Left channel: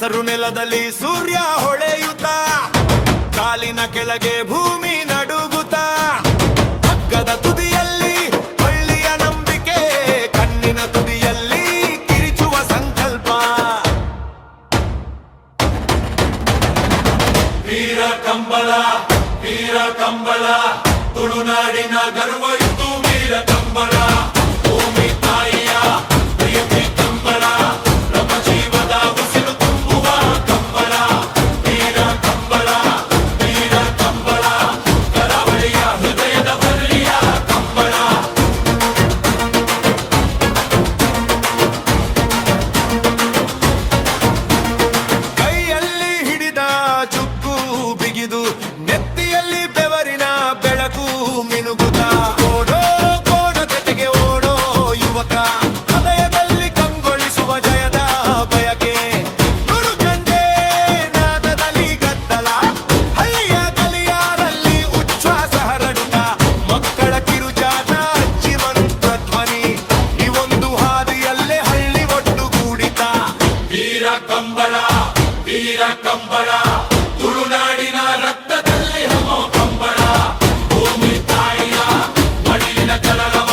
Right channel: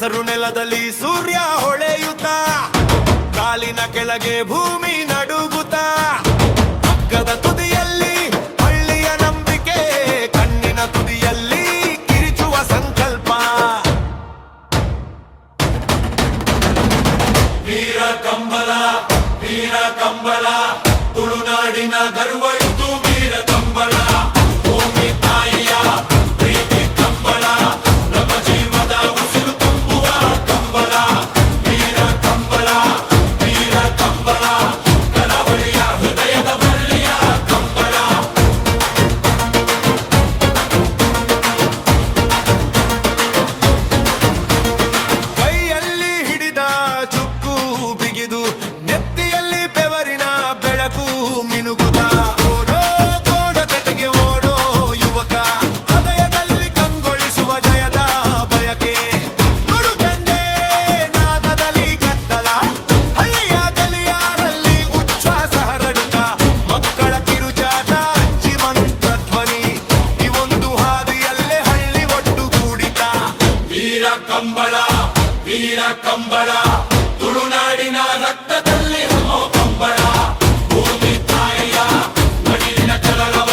ಕೆಸರು ನೆಲದಲ್ಲಿ ಸೂರ್ಯ ಹೊಳೆಯುತ್ತ, ಕಾಲಿನ ಕೆಳಗೆ ಭೂಮಿ ನಡುಗುತ್ತ, ಹಗ್ಗದ ತುದಿಯಲ್ಲಿ ಹಳ್ಳಿಯ ನಂಬಿಕೆ, ಕಣ್ಣಿನ ತುದಿಯಲ್ಲಿ ಕಿರಿಚುವ ಸಂಕಲ್ಪ. ವೀರ ಕಂಬಳ, ವೀರ ಕಂಬಳ, ತುಳುನಾಡಿನ ಗರ್ವ ಇತ್ತು ವೀರ ಕಂಬಳ. ಭೂಮಿ ತಾಯಿಯ ಪ್ರೀತಿ ಕಂಬಳ, ನಮ್ಮ ಜೀವದ ಉಸಿರು ತುಂಬುವ ಕಂಬಳ. ವೀರ ಕಂಬಳ, ವೀರ ಕಂಬಳ, ಕರಾವಳಿಯ ಹೃದಯದ ಬಳ್ಳಿಯ ಕಂಬಳ. ಕೈಯಲ್ಲಿ ಹಿಡಿದ ಚುಕ್ಕು ಬಿಗಿದು, ನೆತ್ತಿಯಲ್ಲಿ ಬೆವರಿನ ಬೆಳಕು ಮಿನುಗುತ್ತ, ಓಡೋ ಕೋಡ ಜೊತೆಗೆ ಓಡೋ ಯುವಕ, ಹೃದಯದಲ್ಲಿ ಕಂಗೊಳಿಸುವ ಜಯದ ಬಯಕೆ. ನುಡು ಚಂಡೆ ನಾದದಲ್ಲಿ ಗದ್ದಲ, ಹಳ್ಳಿಯ ಗಲಿಯಾರಲ್ಲಿ ಉಚ್ಛ್ವಾಸ ಹರಡುತ್ತ, ಮಕ್ಕಳ ಕಿರುಚಾಟ, ಅಜ್ಜಿ ಮಂತ್ರಧ್ವನಿ, ಇವೊಂದು ಹಾದಿಯಲ್ಲೇ ಹಳ್ಳಿ ಒಟ್ಟುಗೂಡಿತ. ವೀರ ಕಂಬಳ, ವೀರ ಕಂಬಳ, ತುಳುನಾಡಿನ ರಕ್ತದಲ್ಲಿ ಹಮ್ಮೋ ಕಂಬಳ. ಭೂಮಿ ತಾಯಿಯ ಮಡಿಲಿನ ಕಲರವ,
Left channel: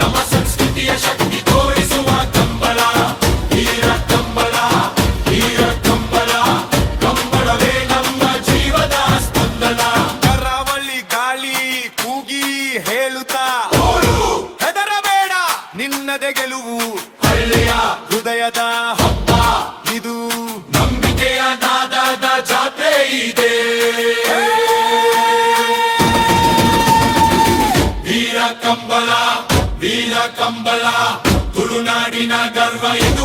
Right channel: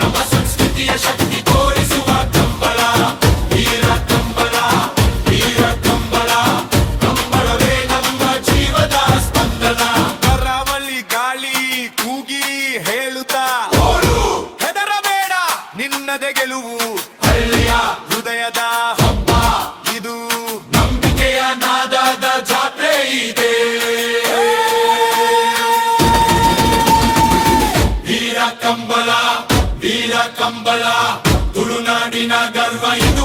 ನಮ್ಮ ಸಂಸ್ಕೃತಿಯ ಶಕ್ತಿ ತೋರಿಸುವ ಕಂಬಳ. ವೀರ ಕಂಬಳ, ವೀರ ಕಂಬಳ, ಕಂಬಳವೇ ನಮ್ಮ ಜೀವದ ಸ್ಪಂದನ. ಕರಾವಳಿ ಗಾಳಿ ಕೂಗಿ ಹೇಳುತ್ತಾ, ಹೆದರಬೇಡ ನಿನ್ನದೆ ಗೆಲುವು, ಹಳ್ಳಿಯ ಹೃದಯದ ಹಬ್ಬ ಇದು, ನಂಬಿಕೆಯ ನಾದದ ಜಾತ್ರೆ ಇದೆ. ವೀರ ಕಂಬಳ, ವೀರ ಕಂಬಳ, ತುಳುನಾಡಿನ ಗರ್ವ ಇದು.